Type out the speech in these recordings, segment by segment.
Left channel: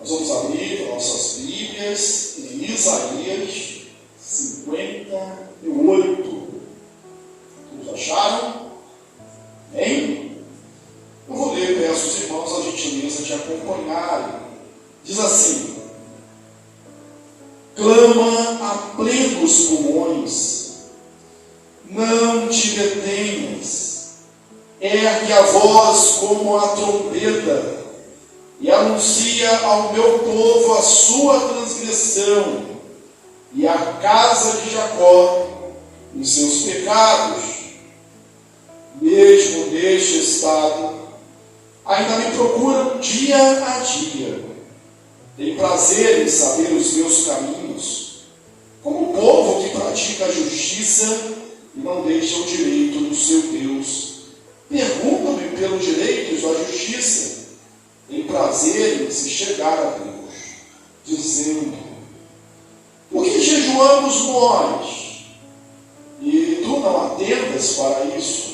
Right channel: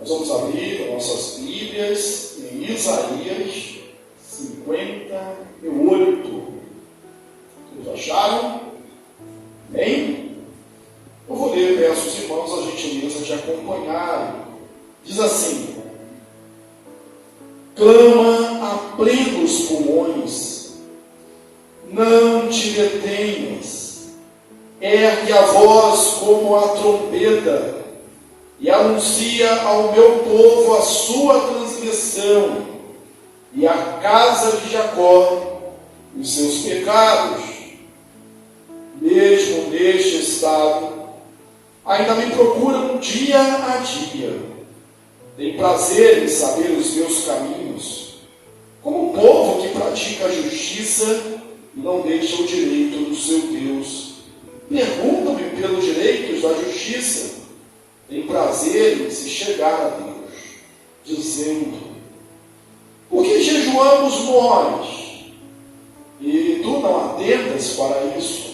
Nós vamos abrir nossas Bíblias em Isaías 58. Todos acharam? Bem? Eu vou ler, peço aos irmãos a gentileza de acompanharem. Diz assim: clama a plenos pulmões, não te detenhas, ergue a voz como a trombeta, e anuncia ao meu povo a sua transgressão, e à casa de Jacó os seus pecados. Mesmo neste estado, ainda me procuram dia a dia, tem prazer em saber os meus caminhos, como o povo que pratica a justiça e não deixa o direito do seu Deus. Perguntam-me pelos direitos da justiça, tem prazer em se chegar a Deus, dizendo: por que jejuamos nós, e tu não atentas para isso?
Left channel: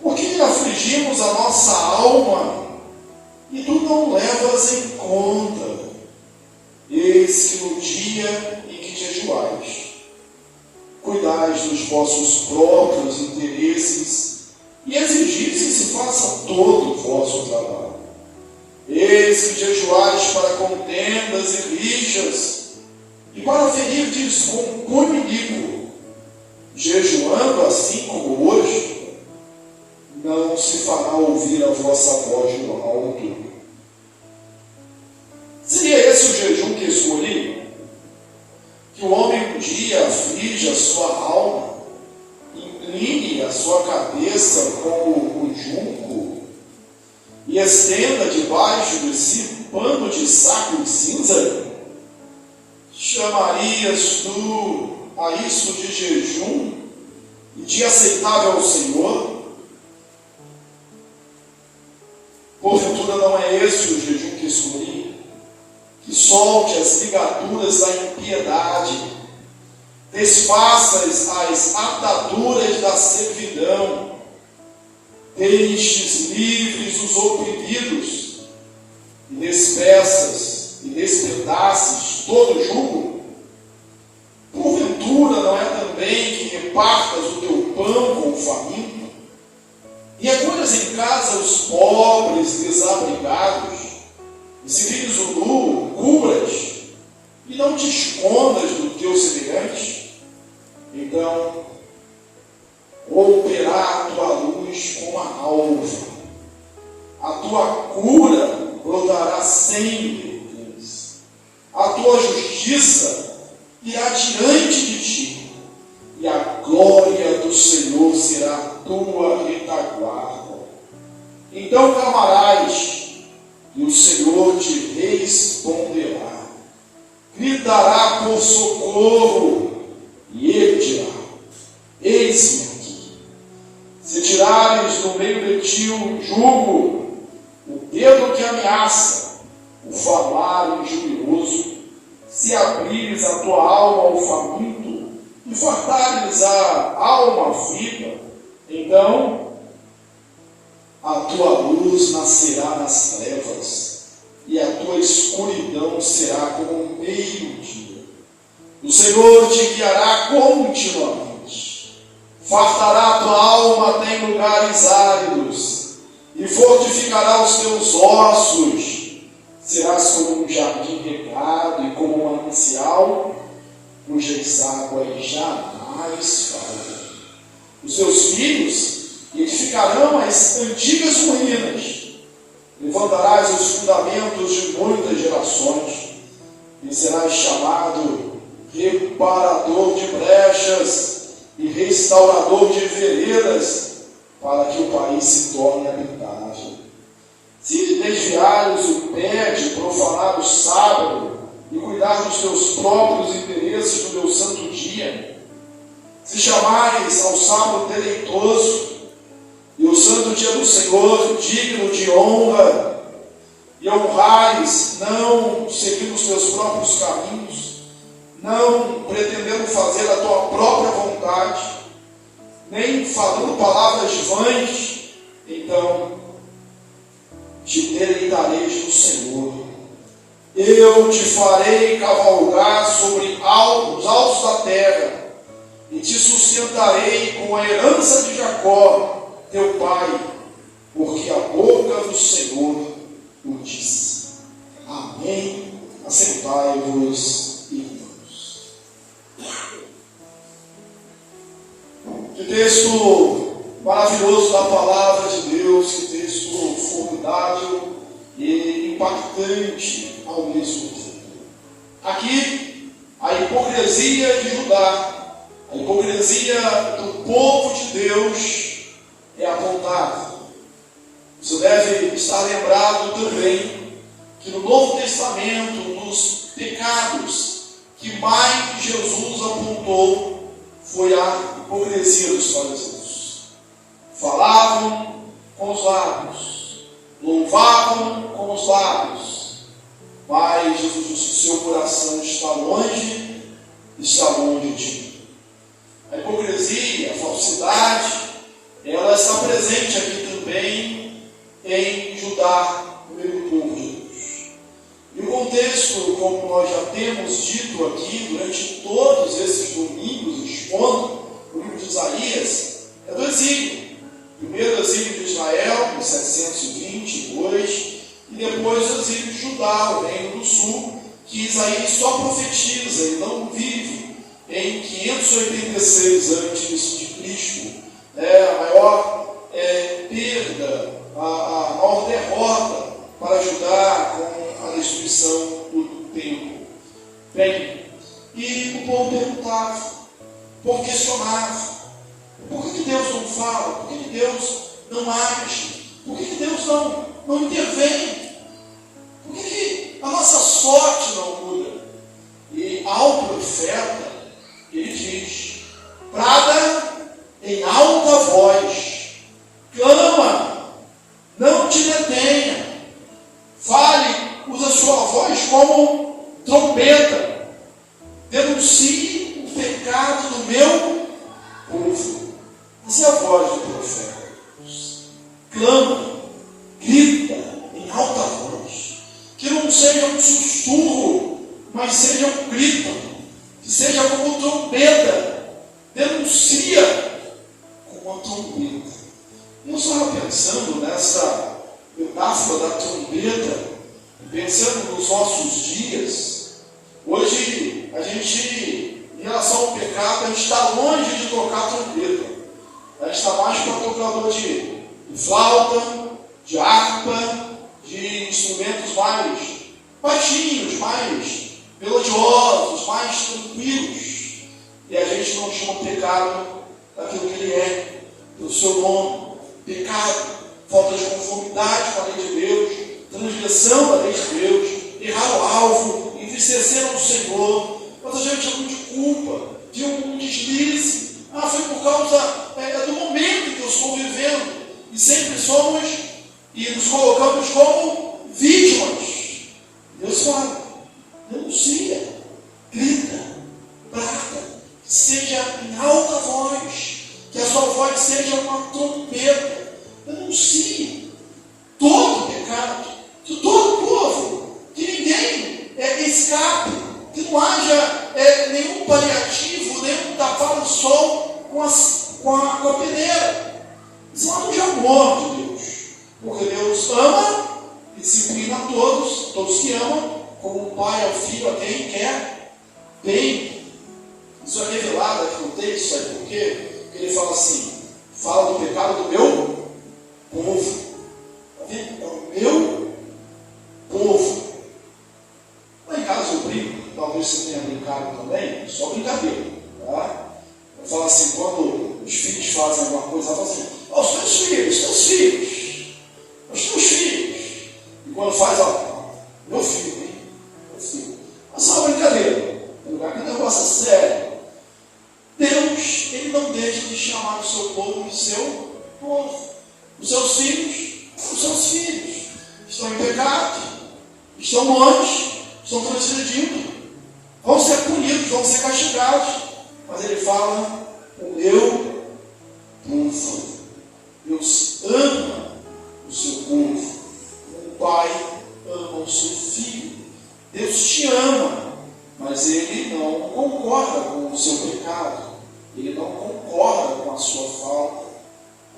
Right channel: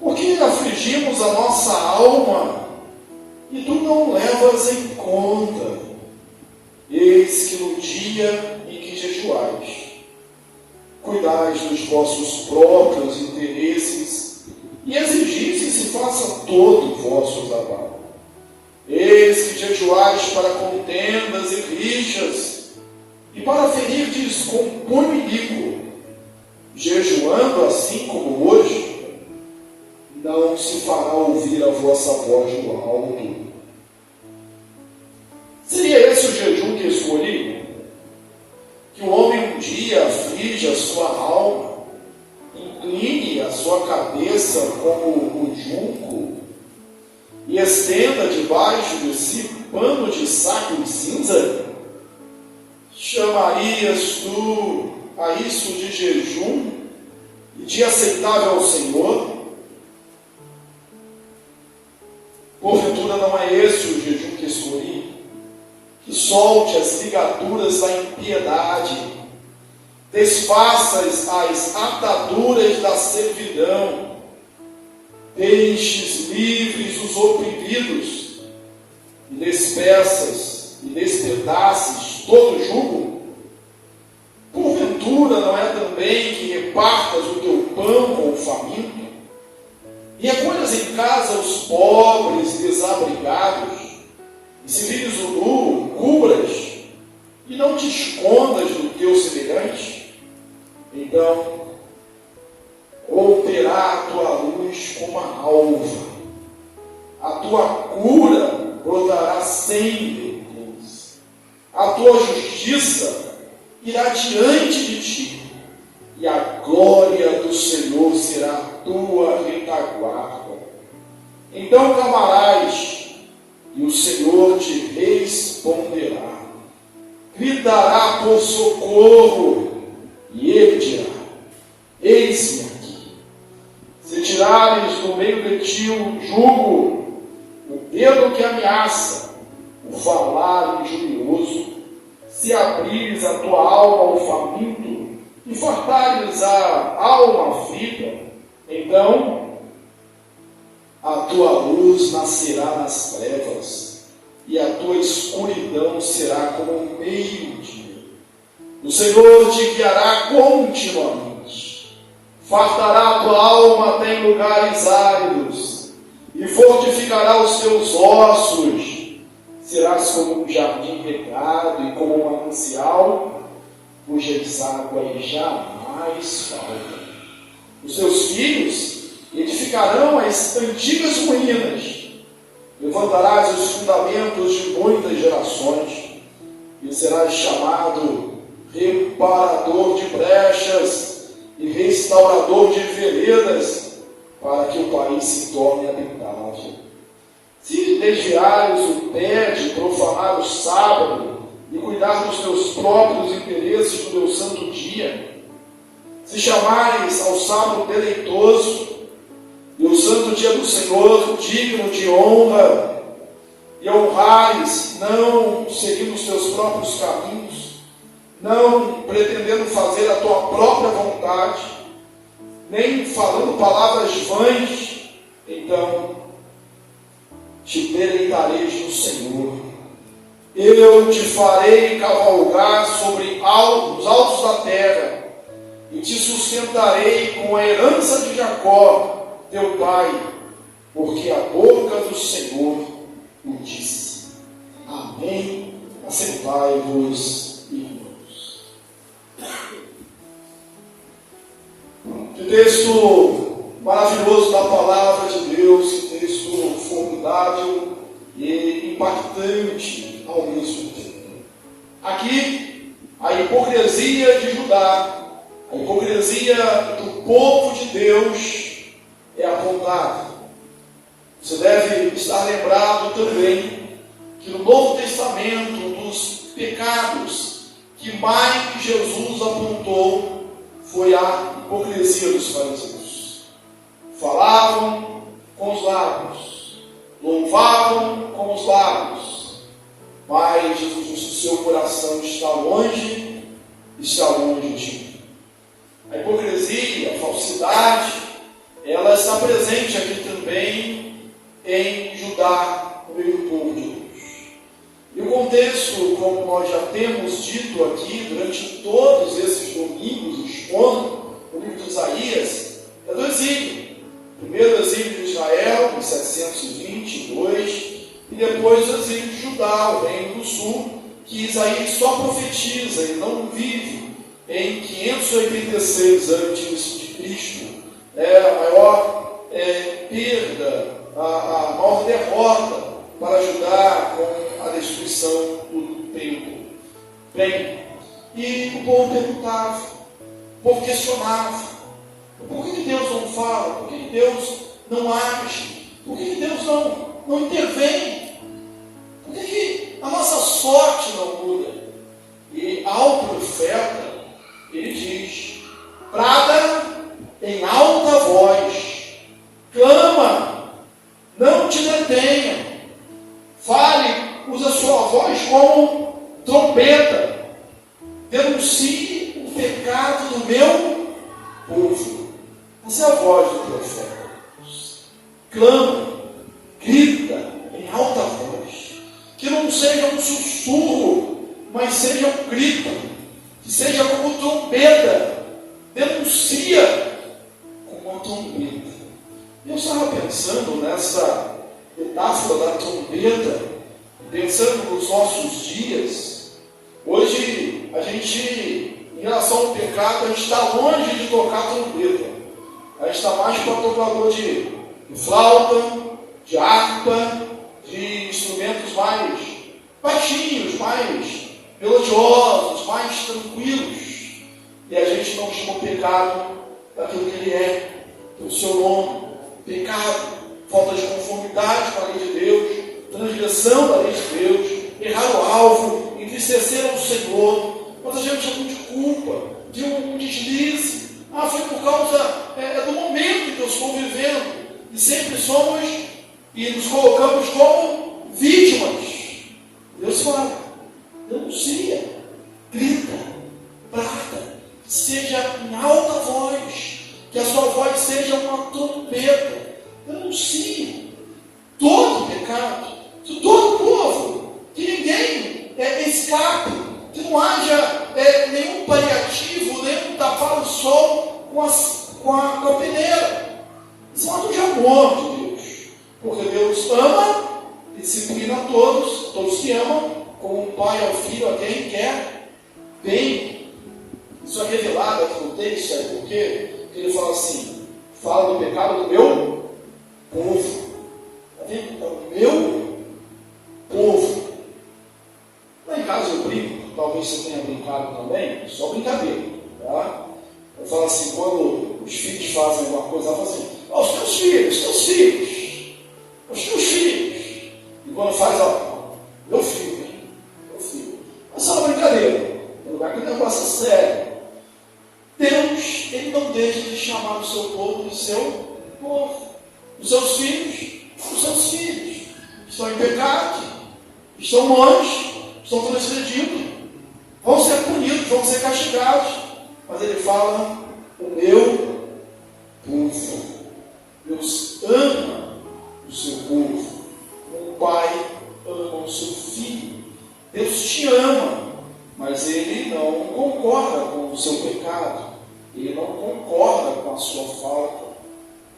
Por que afligimos a nossa alma, e tu não levas em conta? Eis que no dia em que jejuais, cuidais dos vossos próprios interesses, e exigis que se faça todo o vosso trabalho. Eis que jejuais para contendas e rixas, e para ferirdes com punho iníquo, jejuando assim como hoje, não se fará ouvir a vossa voz no alto. Seria esse o jejum que escolhi? Que o homem um dia aflige a sua alma, incline a sua cabeça como o junco, e estenda debaixo de si pano de saco e cinza? Chamarias tu a isso de jejum e de aceitável ao Senhor? Porventura não é esse o jejum que escolhi? Que solte as ligaduras da impiedade, desfaças as ataduras da servidão, deixes livres os oprimidos, e despedaces todo jugo? Porventura não é também que repartas o teu pão com o faminto, e acolhas em casa os pobres desabrigados, e se vires o nu, cubras, e não te escondas do teu semelhante? Então romperá a tua luz como a alva, a tua cura brotará sem vergonhas, a tua justiça irá diante de ti, e a glória do Senhor será a tua retaguarda. Então clamarás, e o Senhor te responderá, gritará por socorro, e ele dirá: eis-me aqui. Se tirares do meio de ti o jugo, o dedo que ameaça, o falar injurioso, se abrires a tua alma ao faminto, e fartares a alma aflita, então a tua luz nascerá nas trevas, e a tua escuridão será como o meio-dia. O Senhor te guiará continuamente, fartará a tua alma até em lugares áridos, e fortificará os teus ossos. Serás como um jardim regado e como um manancial, cujas águas jamais faltam. Os seus filhos edificarão as antigas ruínas. Levantarás os fundamentos de muitas gerações, e serás chamado reparador de brechas e restaurador de veredas, para que o país se torne habitável. Se desviares o pé de profanar o sábado e cuidar dos teus próprios interesses no meu santo dia, se chamares ao sábado deleitoso e o santo dia do Senhor digno de honra, e honrares não seguindo os teus próprios caminhos, não pretendendo fazer a tua própria vontade, nem falando palavras vãs, então te deleitareis no Senhor, Eu te farei cavalgar sobre os altos da terra, e te sustentarei com a herança de Jacó, teu pai, porque a boca do Senhor o disse. Amém. Assentai-vos, irmãos. Que texto maravilhoso da palavra de Deus, que texto formidável e impactante ao mesmo tempo. Aqui, a hipocrisia de Judá, a hipocrisia do povo de Deus é apontada. Você deve estar lembrado também que no Novo Testamento, dos pecados que mais Jesus apontou foi a hipocrisia dos fariseus. Falavam com os lábios, louvavam com os lábios, mas Jesus disse que seu coração está longe de mim. A hipocrisia, a falsidade, ela está presente aqui também em Judá, no meio do povo de Deus. E o contexto, como nós já temos dito aqui durante todos esses domingos, expondo o livro de Isaías, é do exílio. Primeiro o exílio de Israel, em 722, e depois o exílio de Judá, o reino do sul, que Isaías só profetiza e não vive em 586 a.C., a maior perda, a maior derrota para Judá com a destruição do templo. Bem, e o povo perguntava, o povo questionava, por que Deus não fala? Por que Deus não age? Por que Deus não intervém? Por que a nossa sorte não muda? E ao profeta, ele diz: brada em alta voz, clama, não te detenha, fale, usa sua voz como trombeta, denuncie o pecado do meu povo. Essa é a voz do profeta. Clama, grita em alta voz, que não seja um sussurro, mas seja um grito, que seja como trombeta, denuncia como uma trombeta. Eu estava pensando nessa metáfora da trombeta, pensando nos nossos dias. Hoje, a gente, em relação ao pecado, a gente está longe de tocar trombeta. A gente está mais para tocador de flauta, de harpa, de instrumentos mais baixinhos, mais melodiosos, mais tranquilos. E a gente não chama o pecado daquilo que ele é, pelo seu nome. Pecado, falta de conformidade com a lei de Deus, transgressão da lei de Deus, errar o alvo, entristecer ao Senhor. Quanta gente é muito de culpa, de um deslize. Foi por causa do momento em que eu estou vivendo. E sempre somos e nos colocamos como vítimas. Deus fala, denuncia, grita, brada, seja em alta voz, que a sua voz seja uma trombeta. Denuncie todo pecado, de todo povo, que ninguém escape, que não haja nenhum paliativo, nenhum tapar o sol com a peneira. Isso é um de amor de Deus, porque Deus ama, disciplina a todos que amam, como um pai ao filho, a quem quer bem. Isso é revelado aqui no texto, sabe por quê? Porque ele fala assim, fala do pecado do meu povo. É o meu povo. Lá em casa eu brinco, talvez você tenha brincado também, só brincadeira, tá? Eu falo assim, quando os filhos fazem alguma coisa, eu falo assim, os teus filhos. E quando faz, meu filho, hein? Meu filho. É só uma brincadeira. É um lugar que o negócio é sério. Deus, ele não deixa de chamar o seu povo de seu povo. Os seus filhos, estão em pecado, estão longe, estão transgredindo, vão ser punidos, vão ser castigados. Mas ele fala, o meu povo. Deus ama o seu povo, como o pai ama o seu filho. Deus te ama, mas Ele não concorda com o seu pecado. Ele não concorda com a sua falta.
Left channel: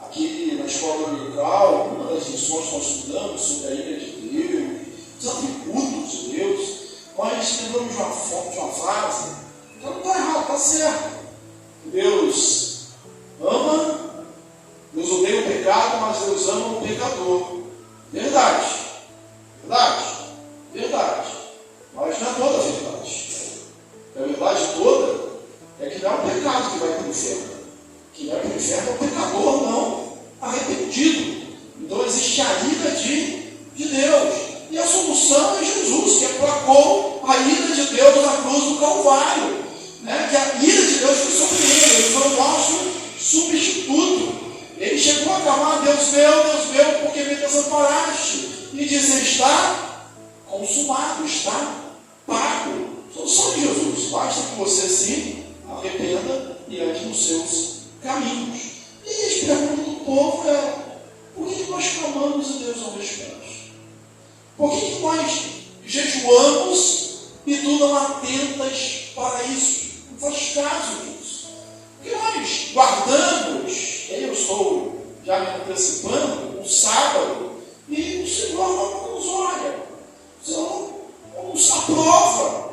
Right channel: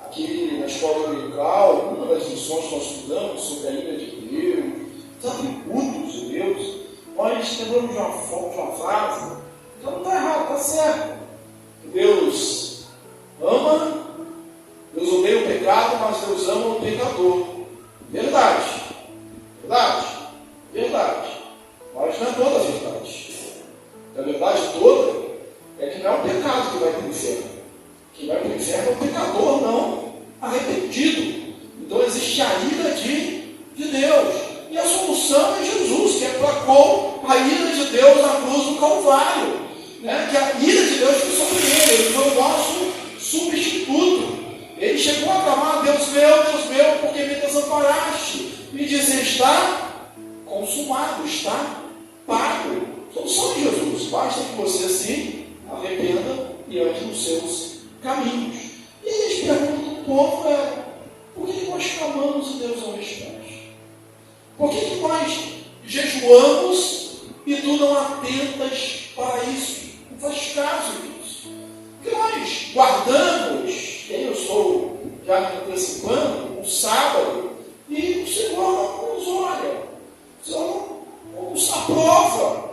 Aqui na escola dominical, uma das lições que nós estudamos sobre a ira de Deus, os atributos de Deus, nós lembramos de uma frase, então não está errado, está certo. Deus ama, Deus odeia o pecado, mas Deus ama o pecador. Verdade, verdade, verdade. Mas não é toda a verdade. A verdade toda é que não é o pecado que vai para o inferno. Quem vai para o inferno é o pecador, não arrependido. Então existe a ira de Deus. E a solução é Jesus, que aplacou a ira de Deus na cruz do Calvário. Né? Que a ira de Deus foi sobre ele foi o nosso substituto. Ele chegou a clamar: Deus meu, por que me desamparaste? E dizer: está consumado, está pago. Solução de Jesus. Basta que você se arrependa e ande nos seus caminhos. E aí a pergunta do povo é: por que nós clamamos e Deus não responde? Por que nós jejuamos e tu não atentas para isso? Não faz caso disso. Porque nós guardamos, e aí eu estou já me antecipando, um sábado, e o Senhor não nos olha, o Senhor não nos aprova.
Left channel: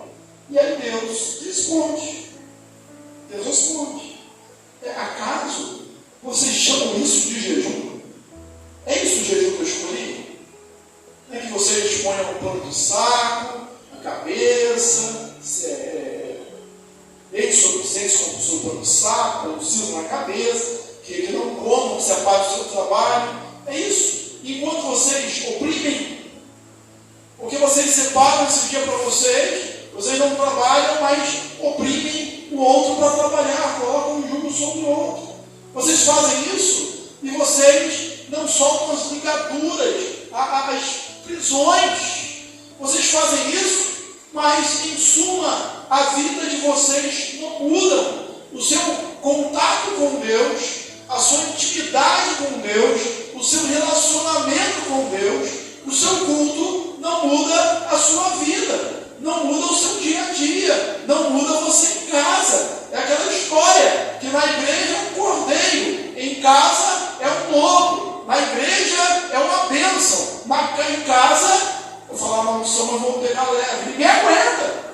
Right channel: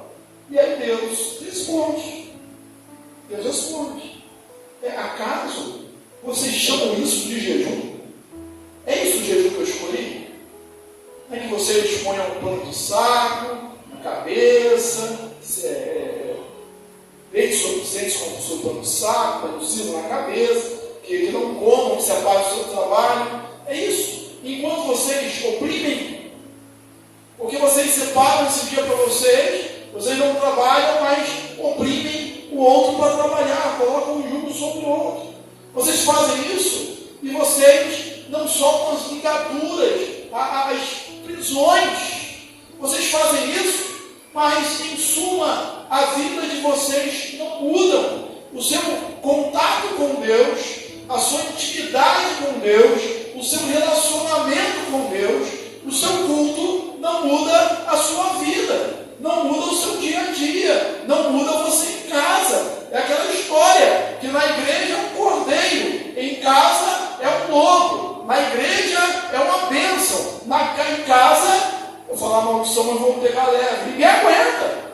E aí Deus responde. Deus responde. Acaso vocês chamam isso de jejum? É isso o jejum que eu escolhi? É que vocês ponham um pano de saco na cabeça, leite suficiente com o seu pano de saco, um sino na cabeça, que ele não comam, que se apague o seu trabalho. É isso. Enquanto vocês oprimem, porque vocês separam esse dia para vocês não trabalham, mas oprimem o outro para trabalhar, colocam um jugo sobre o outro. Vocês fazem isso e vocês não soltam as ligaduras, as prisões. Vocês fazem isso, mas em suma a vida de vocês não muda. O seu contato com Deus, a sua intimidade com Deus, o seu relacionamento com Deus, o seu culto não muda a sua vida, não muda o seu dia a dia, não muda você em casa. É aquela história que na igreja é um cordeiro, em casa é um lobo, na igreja é uma bênção, em casa, vou falar maldição, mas vamos pegar leve, ninguém aguenta.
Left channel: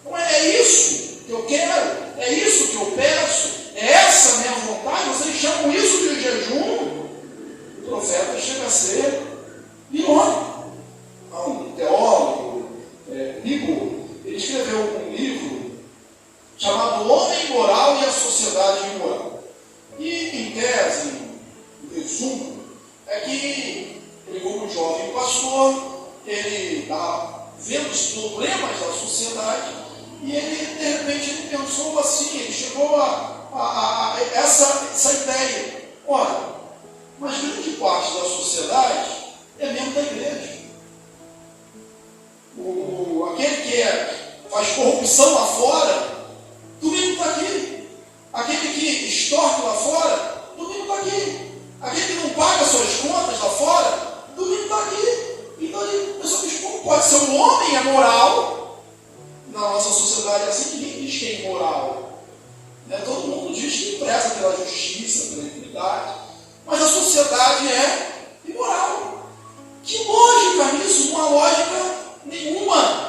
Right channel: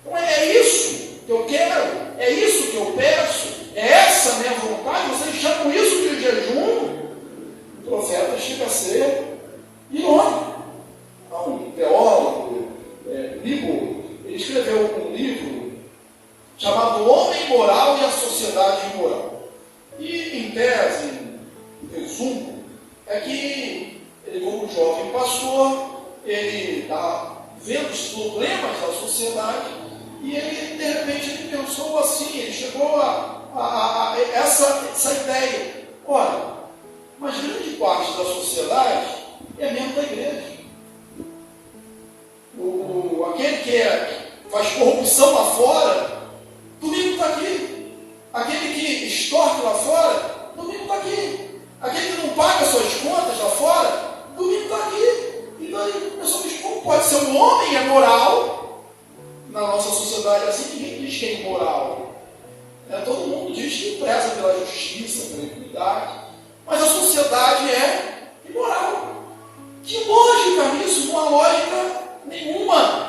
Então é isso que eu quero, é isso que eu peço, é essa a minha vontade. Vocês chamam isso de jejum? O profeta chega a ser irônico. Um teólogo, Nico, ele escreveu um livro chamado O Homem Moral e a Sociedade Imoral. E, em tese, em resumo, é que ele, como jovem pastor, ele está vendo os problemas da sociedade e ele, de repente, ele pensou assim, ele chegou a essa ideia: olha, mas grande parte da sociedade é membro da igreja. Aquele que faz corrupção lá fora, domingo está aqui. Aquele que extorque lá fora, domingo está aqui. Aquele que não paga suas contas lá fora, domingo está aqui. E daí a pessoa diz: como pode ser um homem é moral? Na nossa sociedade é assim, que ninguém diz que é imoral. Todo mundo diz que preza pela justiça, pela equidade, mas a sociedade é imoral. Que lógica nisso? Não há lógica nenhuma.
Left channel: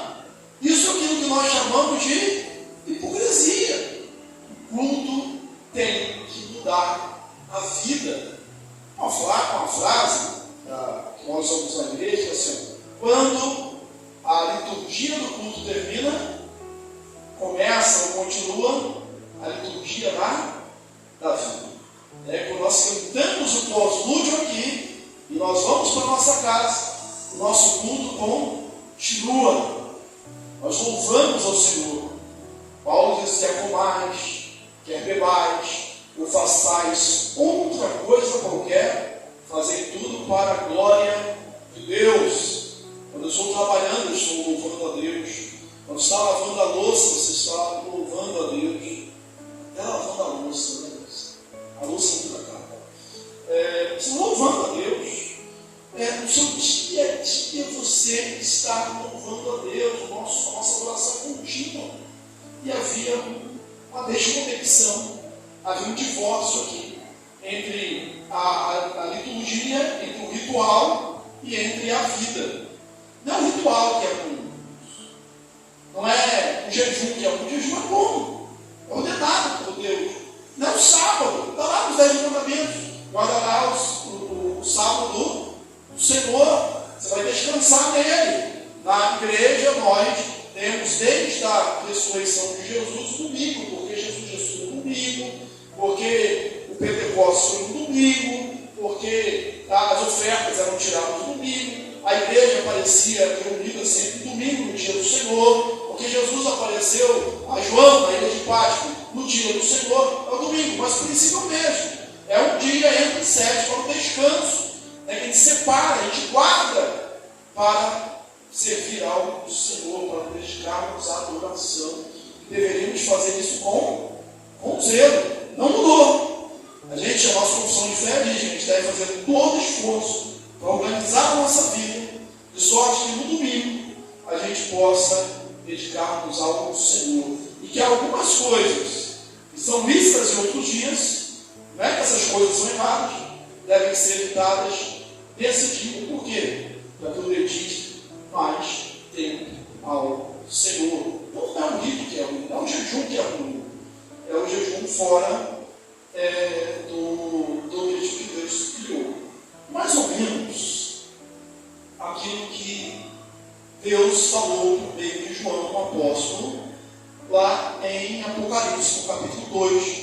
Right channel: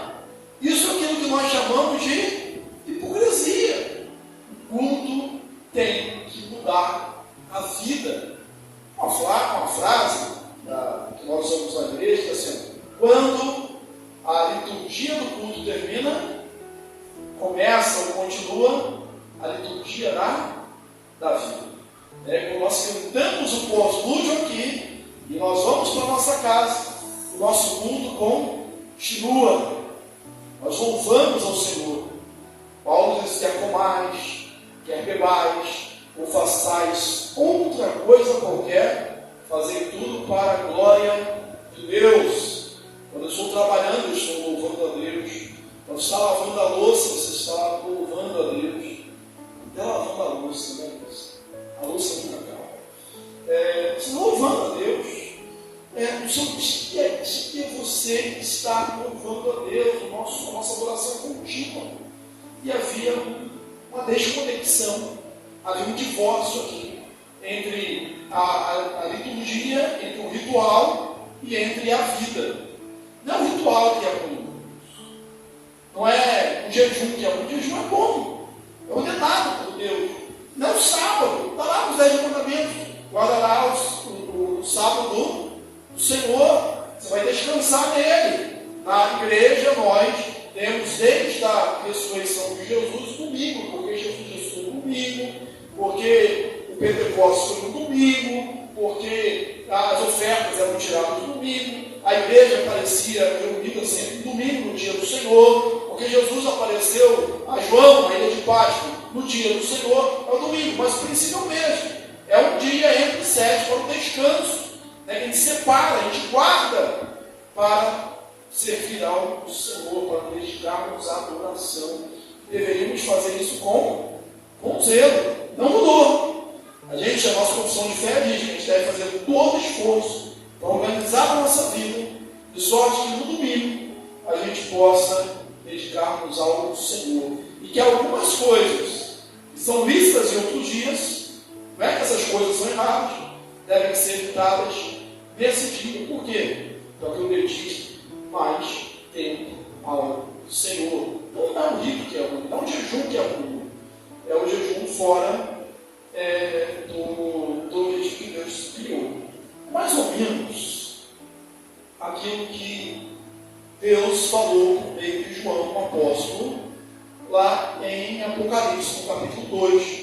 Isso é aquilo que nós chamamos de hipocrisia. O culto tem que mudar a vida. Uma frase que nós usamos na igreja, assim: quando a liturgia do culto termina, começa ou continua a liturgia da vida. Quando nós cantamos o pós-lúdio aqui e nós vamos para a nossa casa, o nosso culto continua. Nós louvamos ao Senhor. Paulo diz: quer comais, quer bebais, ou façais outra coisa qualquer, fazei tudo para a glória de Deus. Quando eu estou trabalhando, eu estou louvando a Deus. Quando está lavando a louça, você está louvando a Deus. Até lavando a louça, né? A louça nunca acaba. Você louvando a Deus. No seu dia a dia você sempre estar louvando a Deus, a nossa adoração contínua. E havia uma desconexão, havia um divórcio aqui entre a liturgia, entre o ritual e entre a vida. Não é o ritual que é ruim, não é o jejum que é ruim, o jejum é bom, é ordenado por Deus. Não é o sábado, está lá nos 10 mandamentos, guardará o sábado do Senhor, você vai descansar nele. Na igreja nós temos desde a ressurreição de Jesus o domingo, porque Jesus ressuscitou no domingo, porque o Pentecostes foi no domingo, porque as ofertas eram tiradas no domingo, a igreja aparecia reunida sempre no domingo, no dia do Senhor, porque Jesus apareceu a João na ilha de Páscoa no dia do Senhor, é o domingo, mas o princípio é o mesmo, é um dia entre sete para o descanso, né? A gente separa, a gente guarda para servir ao Senhor, para dedicarmos à adoração. Deveríamos fazer isso com zelo. Não mudou. A nossa confissão de fé diz que a gente deve fazer todo o esforço para organizar a nossa vida, de sorte que no domingo a gente possa dedicarmos ao Senhor. E que algumas coisas que são vistas em outros dias, não é que essas coisas são erradas, devem ser evitadas nesse dia. Por quê? Para que eu dedique mais tempo ao Senhor. Não é o rito que é ruim, não é o jejum que é ruim, é o jejum fora do objetivo que Deus criou. Mais ou menos aquilo que Deus falou por meio de João, um apóstolo, lá em Apocalipse, no capítulo 2,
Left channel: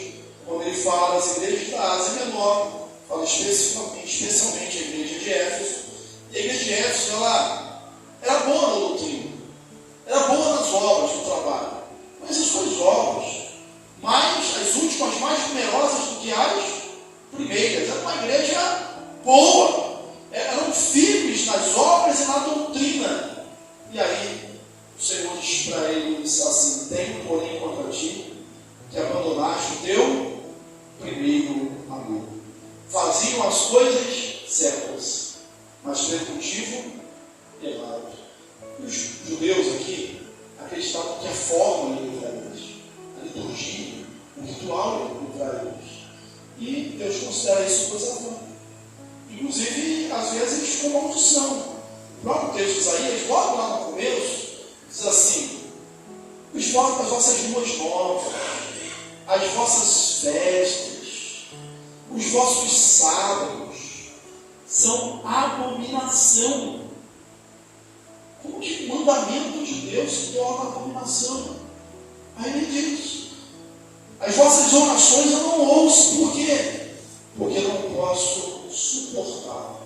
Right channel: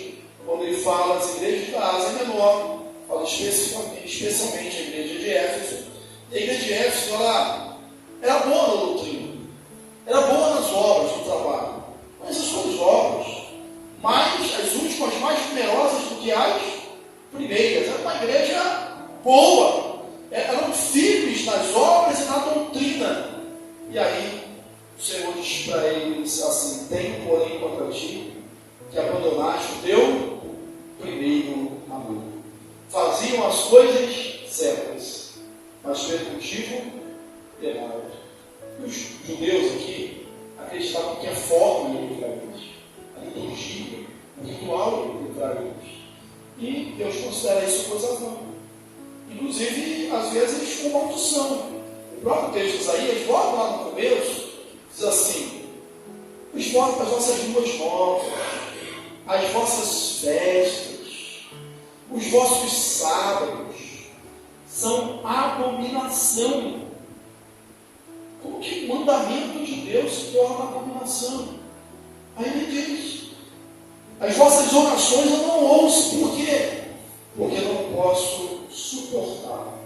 quando ele fala às igrejas da Ásia Menor, fala especialmente a igreja de Éfeso. E a igreja de Éfeso, ela era boa na doutrina, era boa nas obras, no trabalho, mas as suas obras, as últimas, mais numerosas do que as primeiras, era uma igreja boa, eram firmes nas obras e na doutrina. E aí o Senhor diz para eles assim: tenho porém contra ti que abandonaste o teu primeiro amor. Faziam as coisas certas, mas pelo motivo errado. E os judeus aqui acreditavam que a forma ia livrar eles, a liturgia, o ritual ia livrar eles. E Deus considera isso coisa vã. Inclusive, às vezes, com maldição. O próprio texto de Isaías, logo lá no começo, diz assim: as vossas luas novas, as vossas festas, os vossos sábados são abominação. Como que o mandamento de Deus se torna abominação? Aí ele diz: as vossas orações eu não ouço. Por quê? Porque eu não posso suportar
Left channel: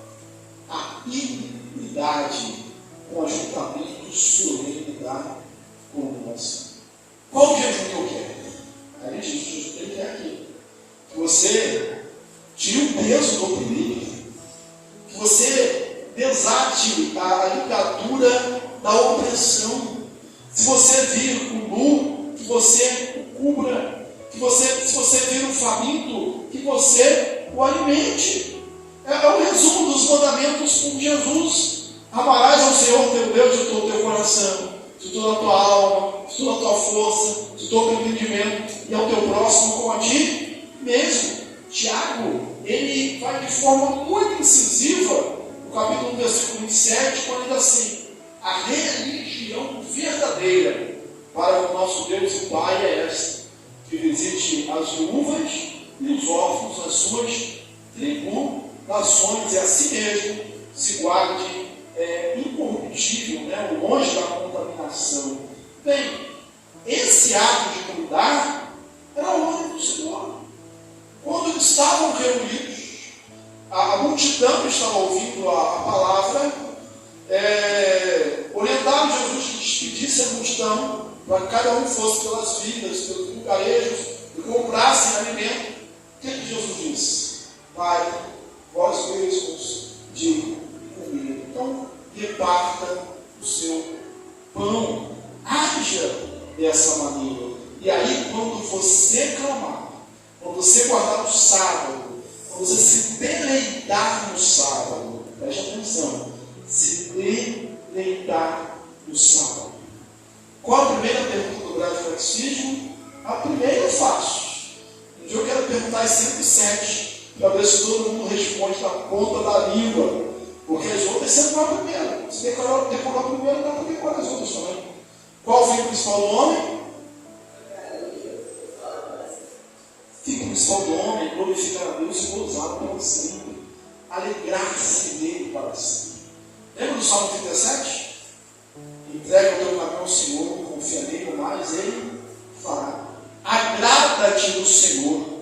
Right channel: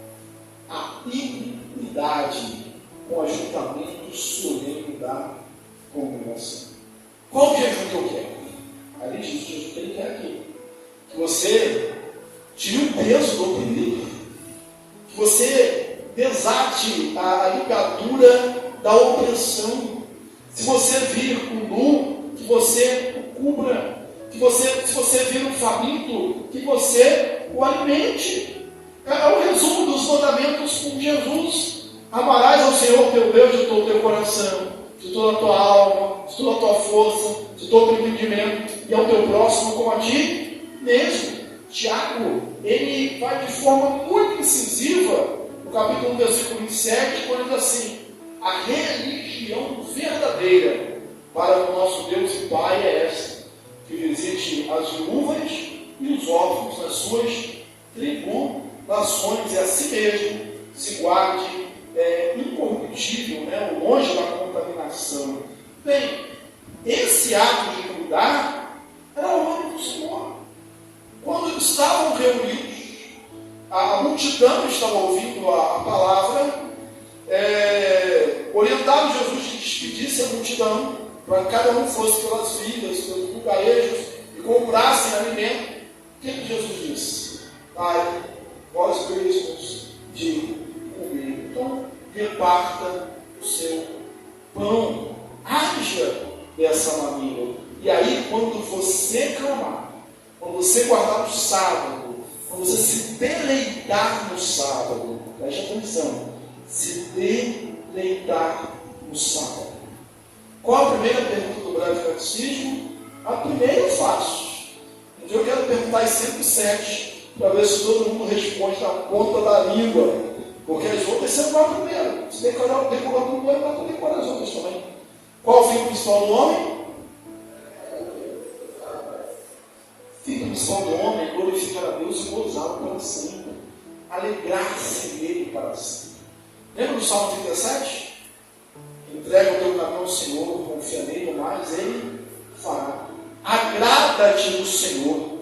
a iniquidade com ajuntamento solene da congregação. Qual o jejum que eu quero? Aí ele diz: o jejum que ele quer aqui, que você tire o peso do oprimido, que você desate a ligadura da opressão. Se você vir com nu, que você o cubra. Se você vir um faminto, que você o alimente. É o resumo dos mandamentos com Jesus. Amarás ao Senhor teu Deus de todo o teu coração, de toda a tua alma, de toda a tua força, de todo o teu entendimento, e ao teu próximo como a ti mesmo. Tiago, ele vai de forma muito incisiva, no capítulo 1, versículo 27, quando diz assim: a religião verdadeira para o nosso Deus e Pai é esta, que visite as viúvas e os órfãos nas suas tribulações, e a si mesmo se guarde incorruptível, longe da contaminação. Bem, esse ato de cuidar era a ordem do Senhor. Quando eles estavam reunidos, a multidão estava ouvindo a palavra, orientado Jesus que despedisse a multidão, para que cada um fosse pelas vilas, pelos lugarejos, e comprassem alimento. O que Jesus disse? Pai, vós mesmos de comer. Então, reparta o seu pão, haja dessa maneira. E aí, quando você clamar, quando você guardar o sábado, quando você se deleitar no sábado, preste atenção, se deleitar deleitar no sábado. Qual a primeira pergunta do Breve Catecismo? A primeira é fácil. Então eu quero perguntar as 107 para ver se todo mundo responde na ponta da língua. Porque as outras você não vai primeiro. Se decorar a primeira, dá para decorar as outras também. Qual o fim principal do homem? O fim principal do homem é glorificar a Deus e gozá-lo para sempre. Alegrar-se nele para sempre. Lembra do Salmo 37? Entrega o teu caminho ao Senhor, confia nele, mas ele fará. Agrada-te no Senhor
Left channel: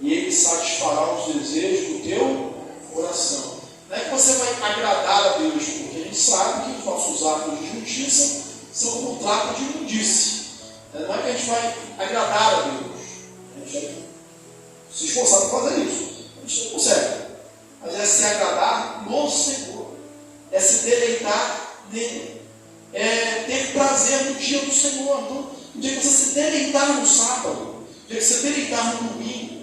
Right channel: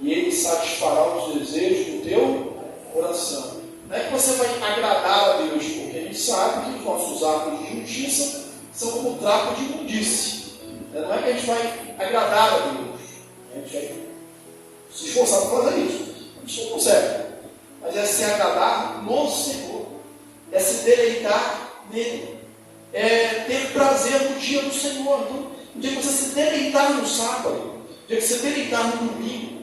e ele satisfará os desejos do teu coração. Não é que você vai agradar a Deus, porque a gente sabe que os nossos atos de justiça são como um trapo de imundície. Não é que a gente vai agradar a Deus. A gente vai se esforçar para fazer isso. A gente não consegue. Mas é se agradar no Senhor. É se deleitar nele. É ter prazer no dia do Senhor. Então, o dia que você se deleitar no sábado, o dia que você deleitar no domingo,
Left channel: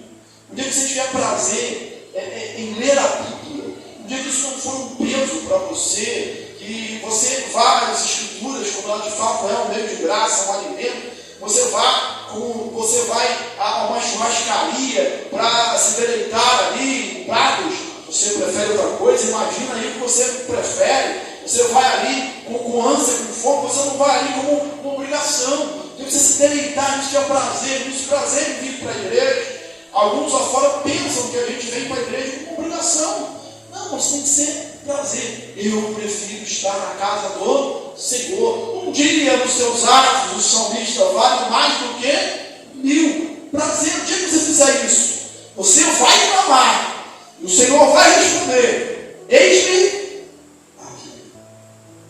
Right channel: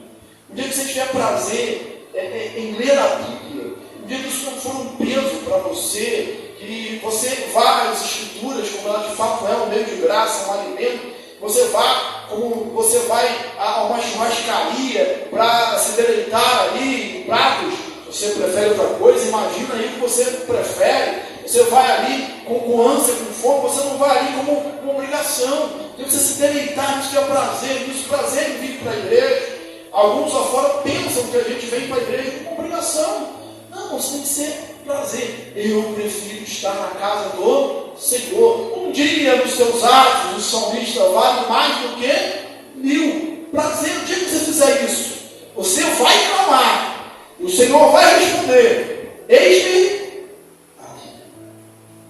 o dia que você tiver prazer em ler a Bíblia, o dia que isso não for um peso para você, que você vá às Escrituras, como ela de fato é um meio de graça, um alimento, você vá, como você vai a uma churrascaria para se deleitar ali em pratos, você prefere outra coisa, imagina aí que você prefere, você vai ali com ânsia, com fome, você não vai ali como uma obrigação, tem que você se deleitar nisso que é prazer, nisso prazer em vir para a igreja. Alguns lá fora pensam que a gente vem para a igreja como obrigação. Não, você tem que ser prazer. Eu prefiro estar na casa do Senhor. Um dia nos seus atos, o salmista vale mais do que 1000. Prazer, o dia que você fizer isso, você vai clamar. E o Senhor vai responder: eis-me aqui.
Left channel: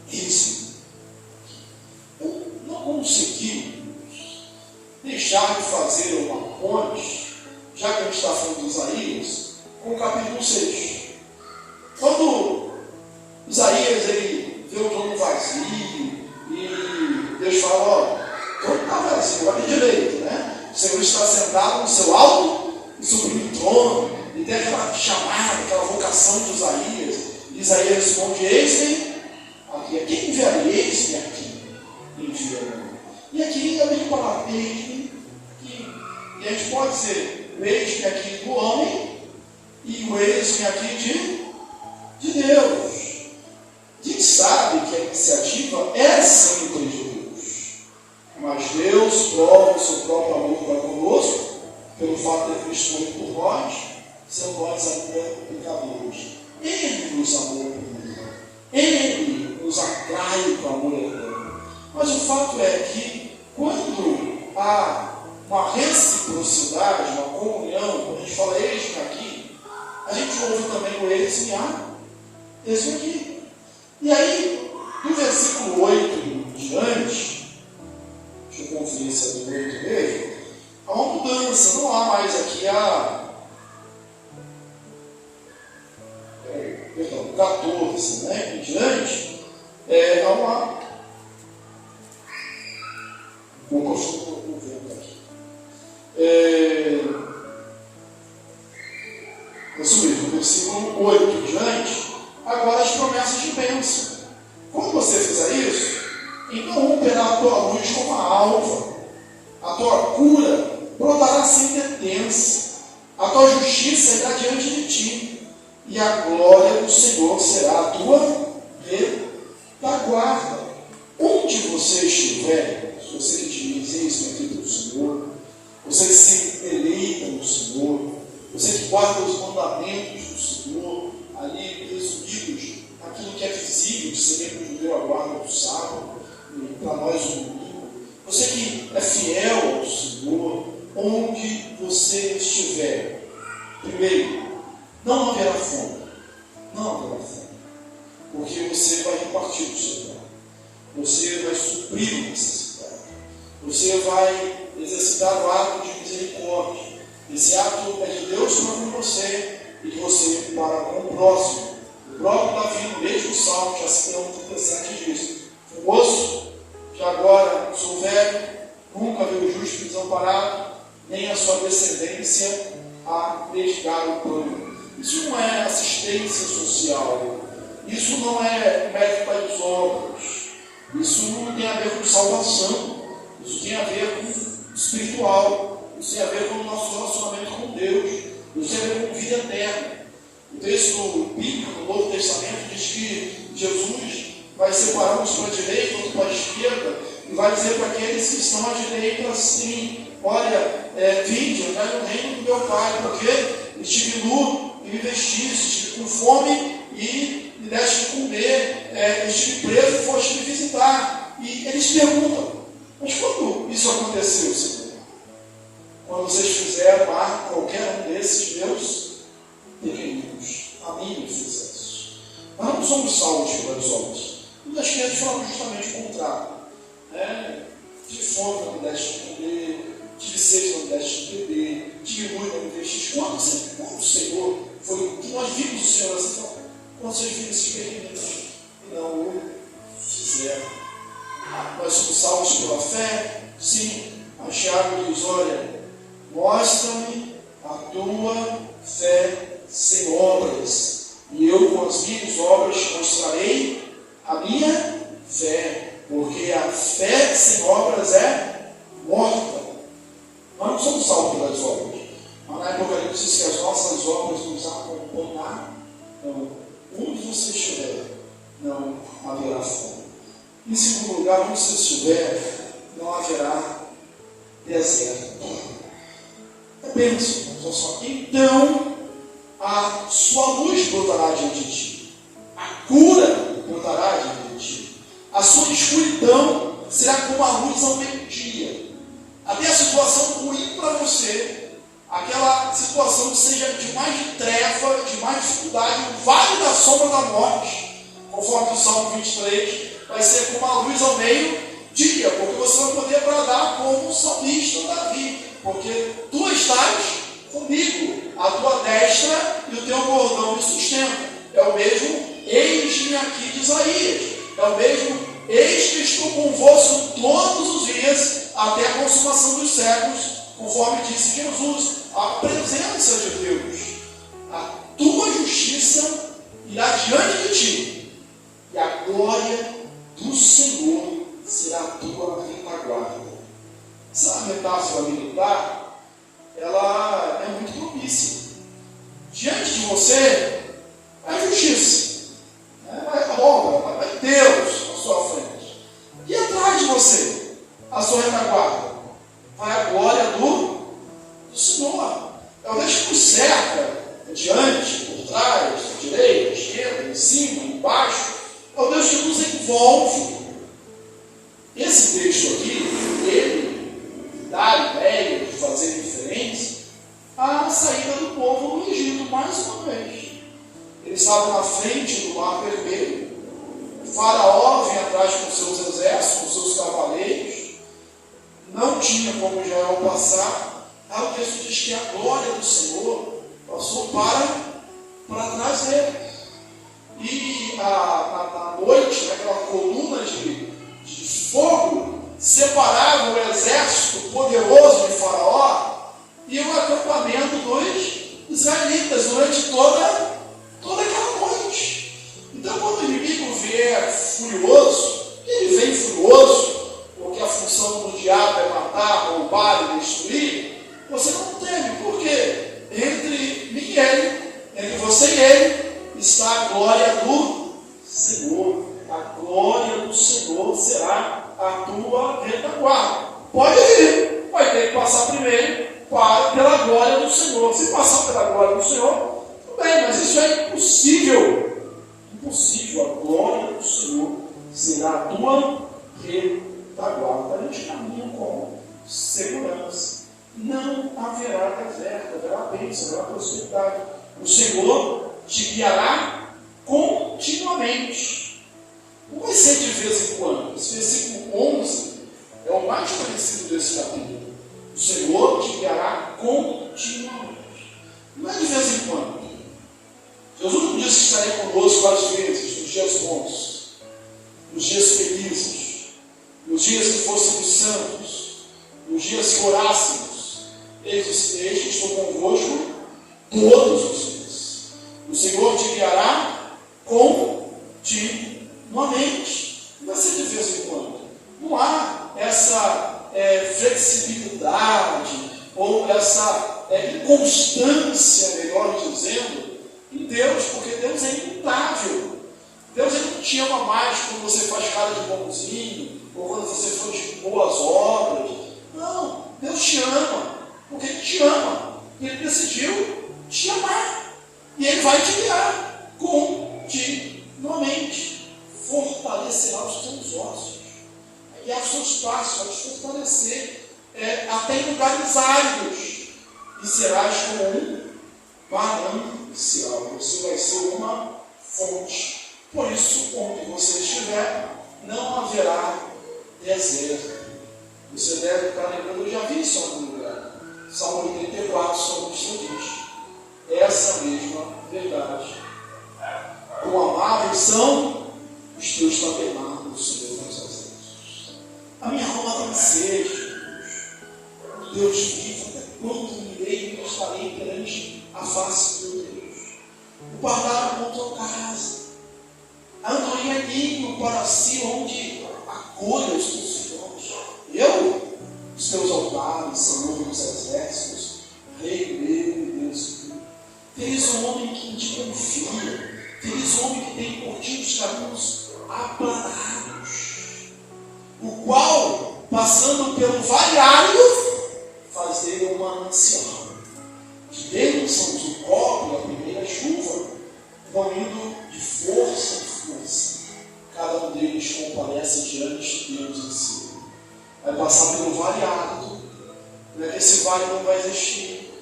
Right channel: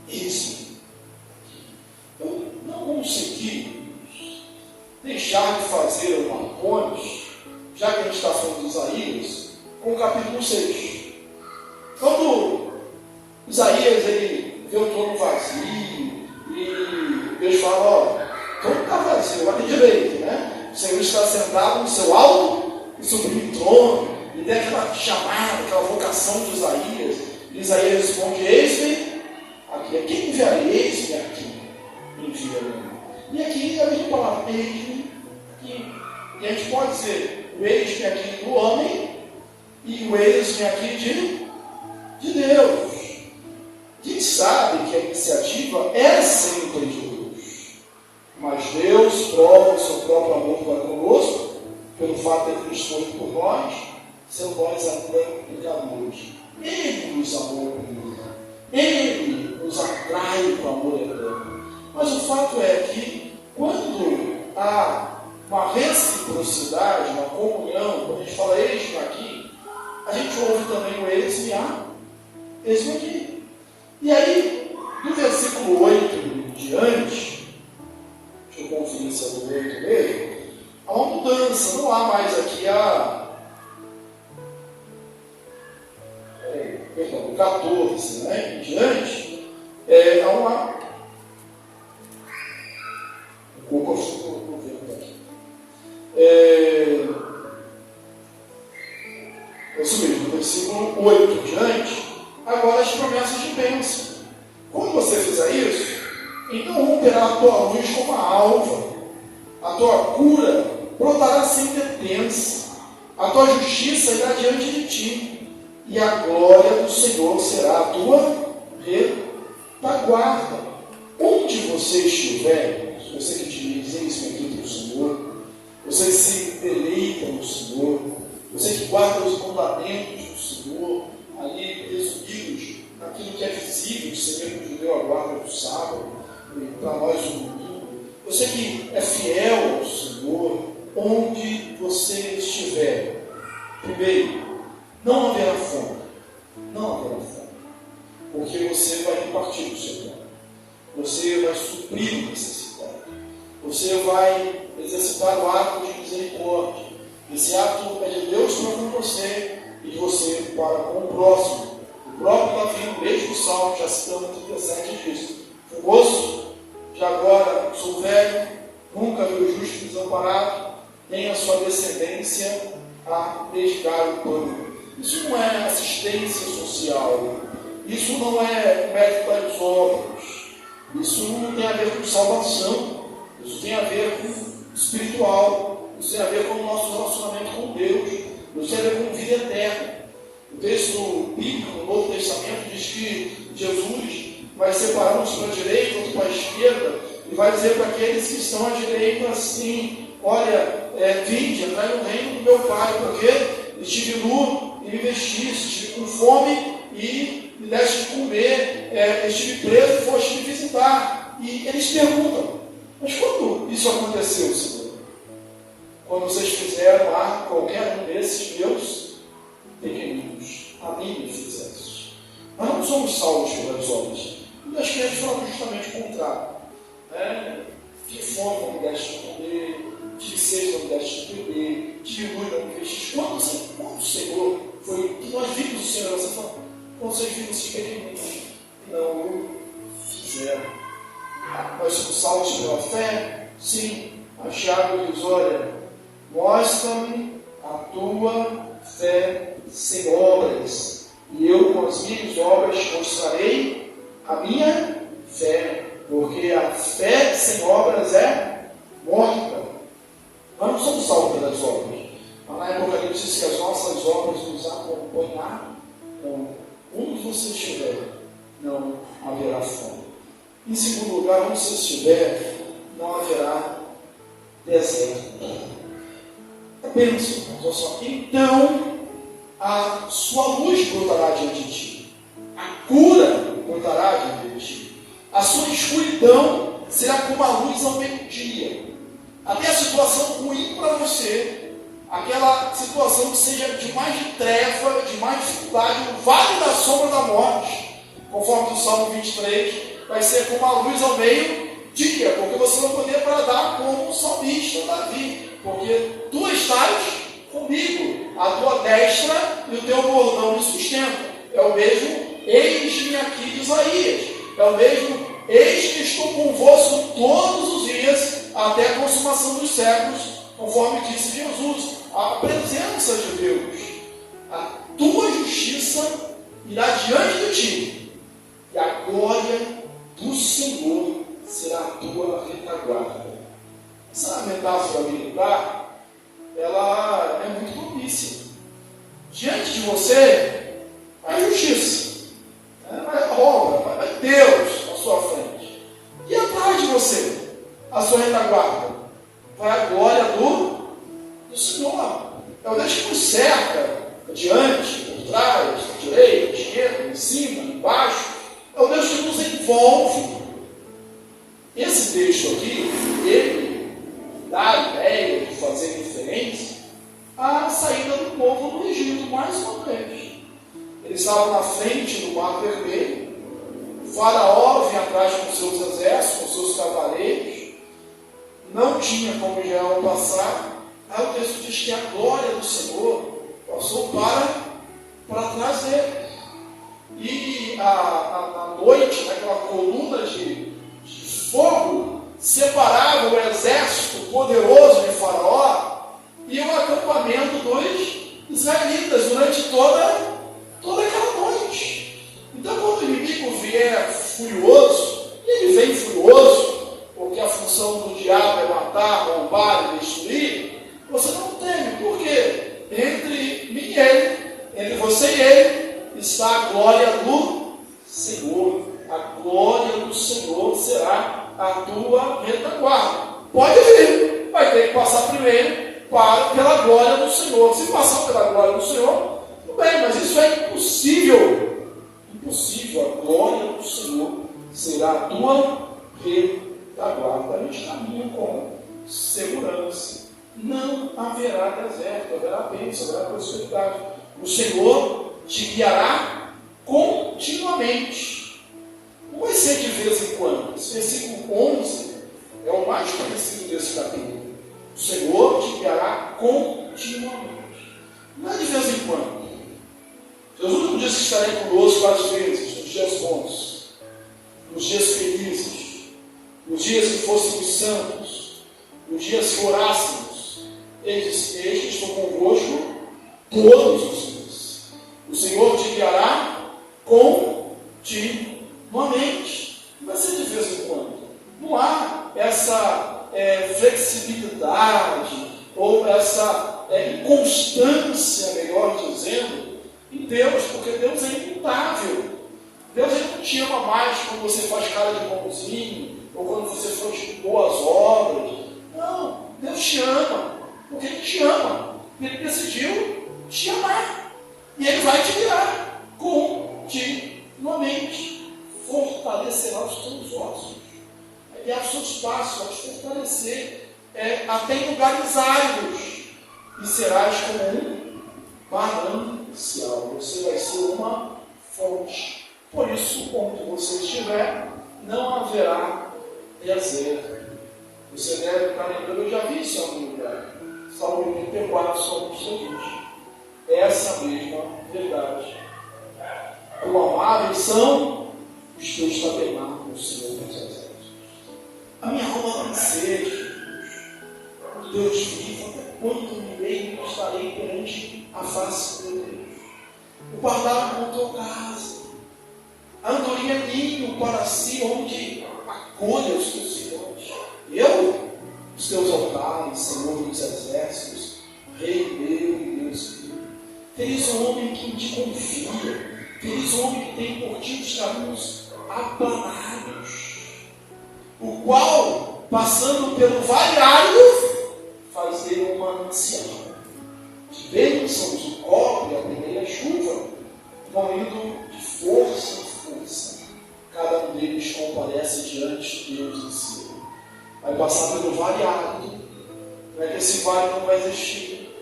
Eis-me aqui. Eu não consegui deixar de fazer uma ponte, já que a gente está falando de Isaías, com o capítulo 6. Quando Isaías ele vê o trono vazio e Deus fala: ó, o trono está vazio, vai ter direito, né? O Senhor está sentado no seu alto e sublime trono, e tem aquela chamada, aquela vocação de Isaías. E Isaías responde: eis-me aqui. Quem enviarei? Eis-me aqui. Envia-me. E aqui a gente fala: eis-me aqui. E a gente pode dizer o eis-me aqui do homem e o eis-me aqui de Deus. A gente sabe que a iniciativa é sempre de Deus, mas Deus prova o seu próprio amor para conosco pelo fato de ter Cristo morrer por nós, sendo nós ainda pecadores. Ele nos amou primeiro, Ele nos atrai para o amor eterno. Mas o fato é que quando há uma reciprocidade, uma comunhão, quando a gente fala eis-me aqui, a gente ouve também o eis-me aqui. E aí, no versículo 8 em diante, deixa eu conferir se é do 8 mesmo, há uma mudança, não há mais aqui perdão, 14, né, em diante, há uma... Vou ver aqui. Isso mesmo, no versículo 8 em diante, agora as promessas de bênção. Quando você fizer isso, então romperá a tua luz como a alva, a tua cura brotará sem detença, a tua justiça irá diante de ti, e a glória do Senhor será a tua retaguarda. Onde você estiver, se você que diz eis-me aqui pelo Senhor, você que se deleita no Senhor, você que guarda os mandamentos do Senhor, ali resumidos naquilo que é visível, de ser mesmo judeu a guarda do sábado, e para nós o domingo, você que é fiel ao Senhor, onde você estiver, primeiro, não haverá fome, porque você vai repartir o seu pão, você vai suprir a necessidade, você vai exercitar o ato de misericórdia. Esse ato é de Deus para com você e de você para com o próximo. O próprio Davi, no mesmo salmo, já citando 37, diz: fui moço, que agora sou velho, nunca vi o justo desamparado, nem a sua descendência a dedicar o pão. Isso não é assistência social, isso não é mérito para os outros, salvação, isso tem a ver com espiritual, isso tem a ver com o nosso relacionamento com Deus, isso tem a ver com vida eterna. O texto bíblico do Novo Testamento diz que Jesus vai separar uns para a direita, outros para a esquerda, e vai dizer para aqueles que estão à direita assim: olha, vinde, entrai no reino do meu Pai, porque estive nu e me vestiste, estive com fome e me deste de comer, estive preso e foste me visitar. E eles perguntam: mas quando isso aconteceu, Senhor? Quando vocês fizeram a qualquer um desses meus pequeninos, a mim me fizeste. Nós não somos salvos pelas obras. E as crianças falam justamente o contrário. Tive fome, não me deste de comer, tive sede, não me deste de beber, tive luz, não me vestiste. Quando o Senhor foi, que nós vimos o Senhor, você fala, quando vocês viram esses pequeninos, não fizeram. Nós somos salvos pela fé? Sim. A chave diz: olha, mostra-me a tua fé sem obras, e eu com as minhas obras mostrarei a minha fé, porque a fé sem obras é morta. Nós não somos salvos pelas obras, mas na Apocalipse diz que as nossas obras nos acompanharão. Onde você estiver, não haverá fome. Em segundo lugar, onde você estiver, não haverá deserto. Pense, olha só. Então, a sua luz brotará diante de ti, a cura brotará diante de ti, a sua escuridão será como a luz ao meio-dia. Até a situação ruim para você, aquela situação que seja de mais treva, de mais dificuldade, o vale da sombra da morte, conforme o Salmo 23, vai ser como a luz ao meio-dia, porque você vai poder bradar como o salmista Davi, porque tu estás comigo, a tua destra e o teu bordão me sustentam. É o mesmo eis-me aqui de Isaías, é o mesmo eis que estou convosco todos os dias até a consumação dos séculos, conforme disse Jesus. A presença de Deus, a tua justiça irá diante de ti, e a glória do Senhor será a tua retaguarda. Essa metáfora militar, ela é muito propícia. Diante de você, vai a justiça, vai a obra, vai Deus à sua frente. E atrás de você, a sua retaguarda, vai a glória do Senhor. É o Deus que nos cerca, adiante, por trás, à direita, à esquerda, em cima, embaixo. É o Deus que nos envolve. Esse texto aqui, ele dá a ideia de fazer referência à saída do povo do Egito, mais uma vez. Eles estavam na frente do Mar Vermelho. O faraó vinha atrás com seus exércitos, com seus cavaleiros. Não tinha como Israel passar. Aí o texto diz que a glória do Senhor passou para trás dele. E à noite, aquela coluna de fogo separava o exército poderoso de Faraó e o acampamento dos israelitas durante toda aquela noite. Então, quando o inimigo vier furioso, ele vem furioso, porque a função do diabo é matar, roubar e destruir, você não teme, porque entre mim e ele, entre você e ele, está a glória do Senhor. A glória do Senhor será a tua retaguarda. Pode vir, vai ter que passar primeiro pela glória do Senhor. Se passar pela glória do Senhor, tudo bem, mas isso é impossível. Impossível. A glória do Senhor será a tua retaguarda. A gente caminha com segurança. Não haverá deserto, haverá bênção, haverá prosperidade. O Senhor te guiará continuamente. Não vai ser de vez em quando. Esse versículo 11 é o mais conhecido desse capítulo. O Senhor te guiará continuamente. Não é de vez em quando. Jesus não disse que estaria conosco várias vezes, nos dias bons, nos dias felizes, nos dias que fôssemos santos, nos dias que orássemos. Ele disse: eis que estou convosco todos os dias. O Senhor te guiará continuamente. Não vai ser de vez em quando. Não há essa flexibilidade, ou essa inconstância, melhor dizendo, em Deus, porque Deus é imutável. Deus ele não te ama mais quando você faz cara de bonzinho, ou quando você faz boas obras. Não, Deus te ama, porque Ele te ama. Ele decidiu te amar. E Ele vai te guiar continuamente. Fortalecerá os teus ossos. E aos seus passos, vai te fortalecer até em lugares áridos. E serás como um manancial. Você vai ser uma fonte. Por isso, onde você estiver, não haverá deserto. Você deve estar lembrando, eu já vi isso em algum lugar. Salmo 84, Salmista diz. Essa mesma verdade. Quão amáveis são os teus tabernáculos, Senhor dos exércitos. A minha alma tem sede. Deus vivo, até quando irei e estarei perante a face do meu Deus? O pardal montou casa. A andorinha é ninho para si, onde acolha os teus filhos. Eu, os teus altares, Senhor dos exércitos, Rei meu e Deus meu. Feliz o homem que em ti confia. Feliz o homem que tem por ti os caminhos aplanados. O qual, passando pelo vale árido, faz dele um manancial. De bênçãos o cobre a primeira chuva, fluindo de força em força. Cada um deles comparece diante de Deus em si. Vai passar pelo vale árido. Não é que esse vale não vai existir,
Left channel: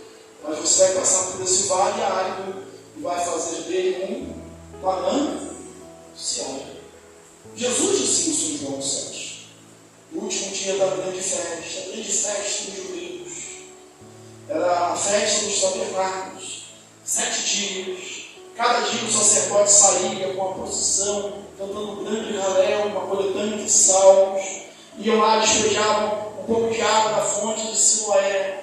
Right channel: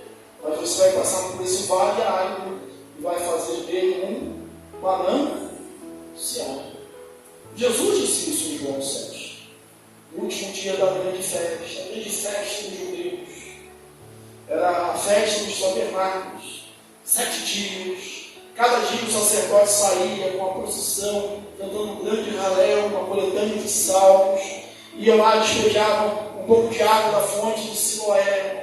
mas você vai passar por esse vale árido e vai fazer dele um manancial. Jesus disse isso em João 7. No último dia da grande festa dos judeus. Era a festa dos tabernáculos. 7 dias. Cada dia o sacerdote saía com a procissão, cantando um grande ralé, uma coletânea de salmos. Iam lá, despejavam um pouco de água da fonte de Siloé.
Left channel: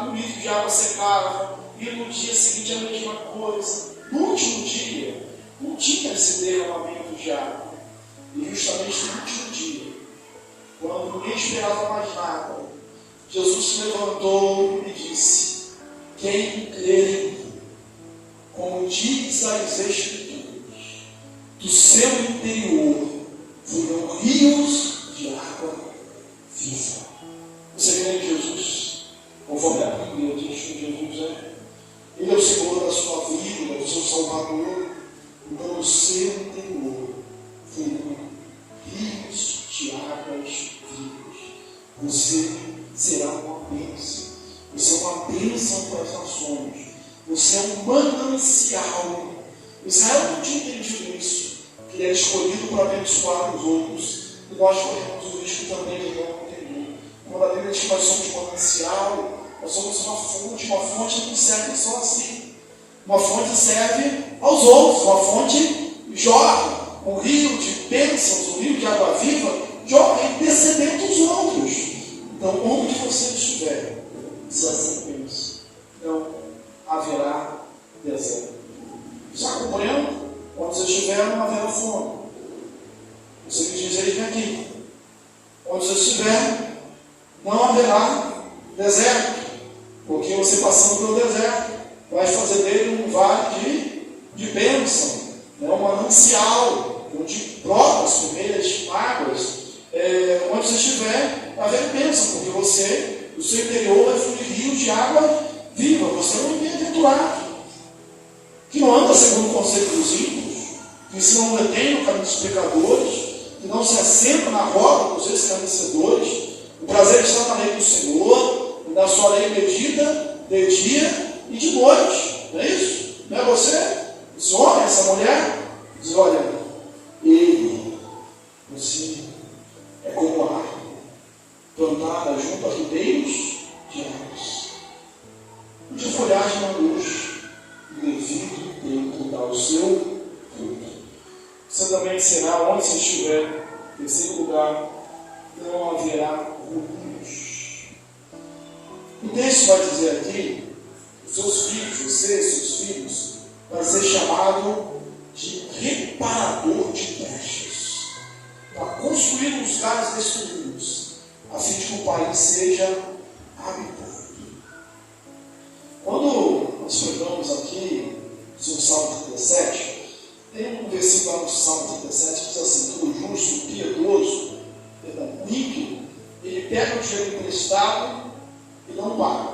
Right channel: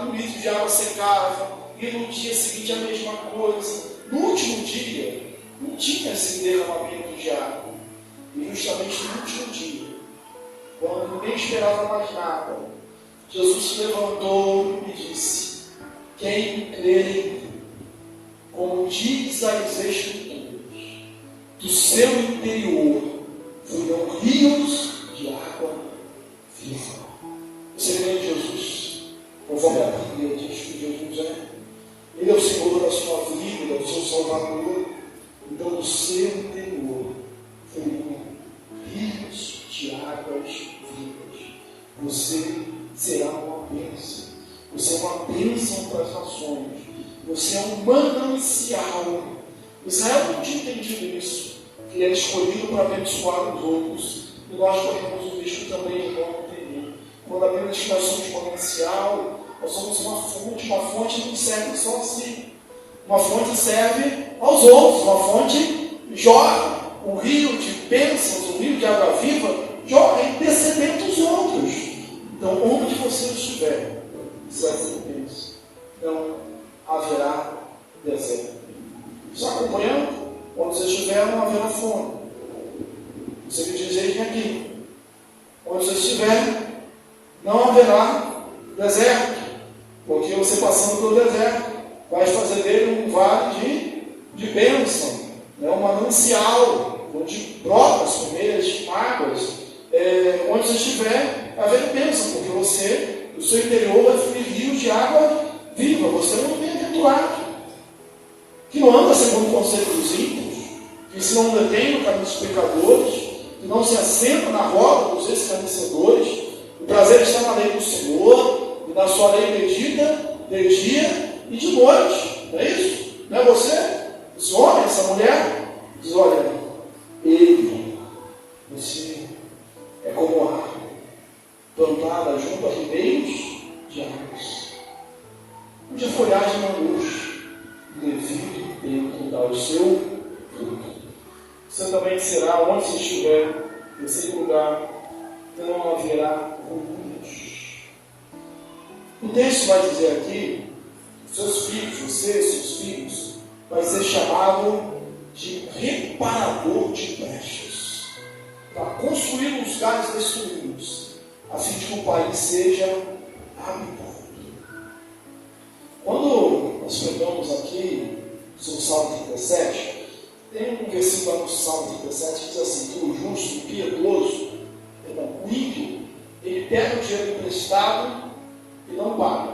Um litro de água secava. E no dia seguinte a mesma coisa. No último dia, não tinha esse derramamento de água. E justamente no último dia, quando ninguém esperava mais nada, Jesus se levantou e disse: quem crer em mim, como diz as Escrituras, do seu interior fluirão rios de água viva. Você crê em Jesus? Conforme a Bíblia diz que Jesus Ele é o Senhor da sua vida, Ele é o seu Salvador. Então, do seu interior fluirão rios de águas vivas. Você será uma bênção. Você é uma bênção para as nações. Você é um manancial. Israel não tinha entendido isso, que é escolhido para abençoar os outros. E nós corremos o risco também de não entender. Quando a Bíblia diz que nós somos manancial, nós somos uma fonte que não serve só a si. Uma fonte serve aos outros, uma fonte jorra. Um rio de bênçãos, um rio de água viva, jorra intercedendo os outros. Então, onde você estiver, se assim pensa, não haverá deserto. Está acompanhando? Onde você estiver, não haverá fome. Você me diz, eis aqui. Onde você estiver, não haverá deserto. Porque você passando pelo deserto, vai fazer dele um vale de bênção, né? Um manancial, onde brotam as primeiras águas. Onde você estiver, vai haver bênção, porque você, o seu interior vai fluir rios de água viva. Você não é bem-aventurado, que não anda segundo o conselho dos ímpios, que se não detém no caminho dos pecadores, que não se assenta na roda dos escarnecedores. O prazer está na lei do Senhor, e na sua lei medita de dia e de noite. Não é isso? Não é você? Esse homem, essa mulher? Diz: olha, você é como árvore plantada junto a ribeiros de águas, onde a folhagem não murcha, e devido tempo dá o seu fruto. Você também será, onde você estiver, em terceiro lugar, não haverá ruínas. O texto vai dizer aqui: os seus filhos, você, seus filhos, vai ser chamado de reparador de brechas, para construir os lugares destruídos. a fim de que o país seja habitado. Quando nós pregamos aqui sobre o Salmo 37, tem um versículo lá no Salmo 37 que diz assim: que o justo, o piedoso, o ímpio, ele pega o dinheiro emprestado e não paga.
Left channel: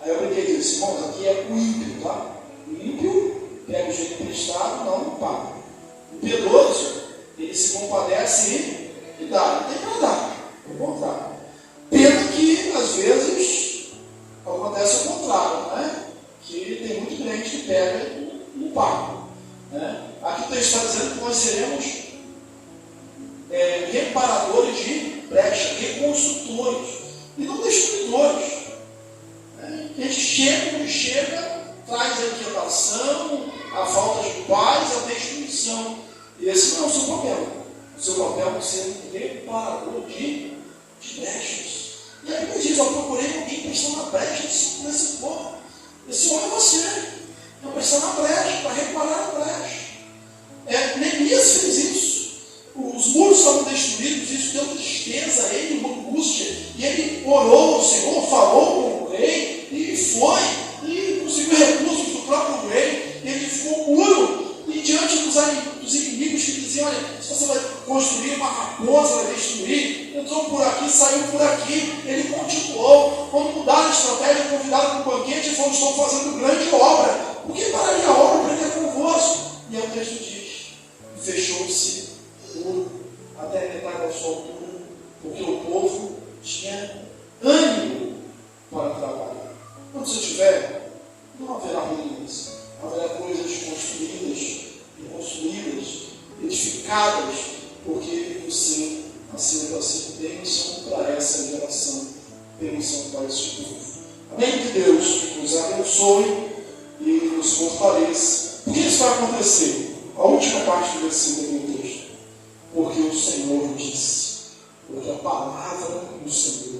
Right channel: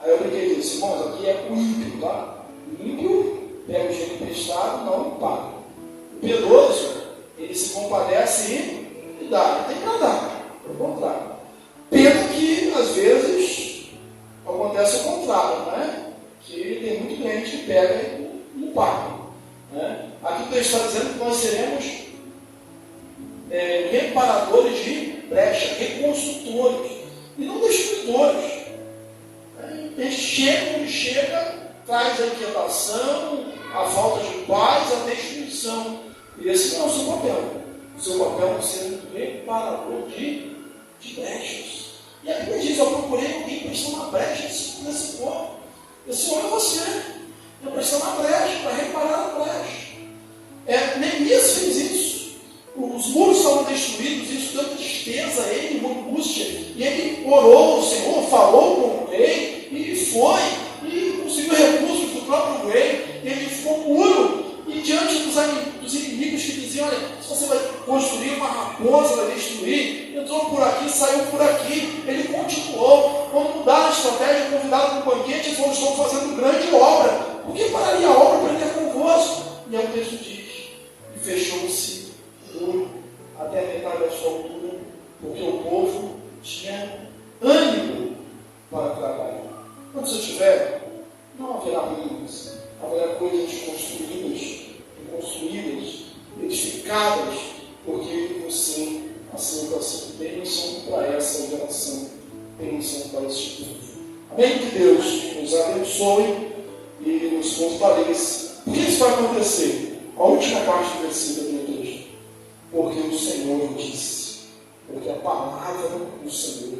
Aí eu brinquei e disse: irmãos, aqui é o ímpio, tá? O ímpio pega o dinheiro emprestado e não paga. O piedoso, ele se compadece e dá. Não tem para dar, é o contrário. Pena que, às vezes, acontece o contrário, né? Que tem muito crente que pega e não paga. Né? Aqui o texto está dizendo que nós seremos reparadores de brecha, reconstrutores, e não destruidores. A gente chega, traz a inquietação, a falta de paz, a destruição. E esse não é o seu papel. O seu papel é ser um reparador de brechas. E a Bíblia diz: eu procurei alguém para estar na brecha nesse corpo. Esse homem é você. É para estar na brecha, para reparar a brecha. Neemias fez isso. Os muros estavam destruídos, isso deu tristeza a ele, uma angústia. E ele orou ao Senhor, falou com o rei, e foi, e conseguiu recursos do próprio rei. Ele ficou puro. E diante dos inimigos que diziam: olha, se você vai construir uma raposa, vai destruir, entrou por aqui, saiu por aqui, ele continuou. Quando mudaram a estratégia, convidaram para um banquete e falou: estou fazendo grande obra. Por que pararia a obra para ir convosco? E aí o texto diz: e fechou-se o muro até metade da sua altura, porque o povo tinha ânimo para trabalhar. Quando você tiver, não haverá ruínas, haverá coisas construídas, edificadas, porque você nasceu para ser bênção para essa geração, bênção para este povo. Amém? Que Deus nos abençoe e nos fortaleça. Por que isso vai acontecer? A última parte do versículo do texto. Porque o Senhor disse, porque a palavra do Senhor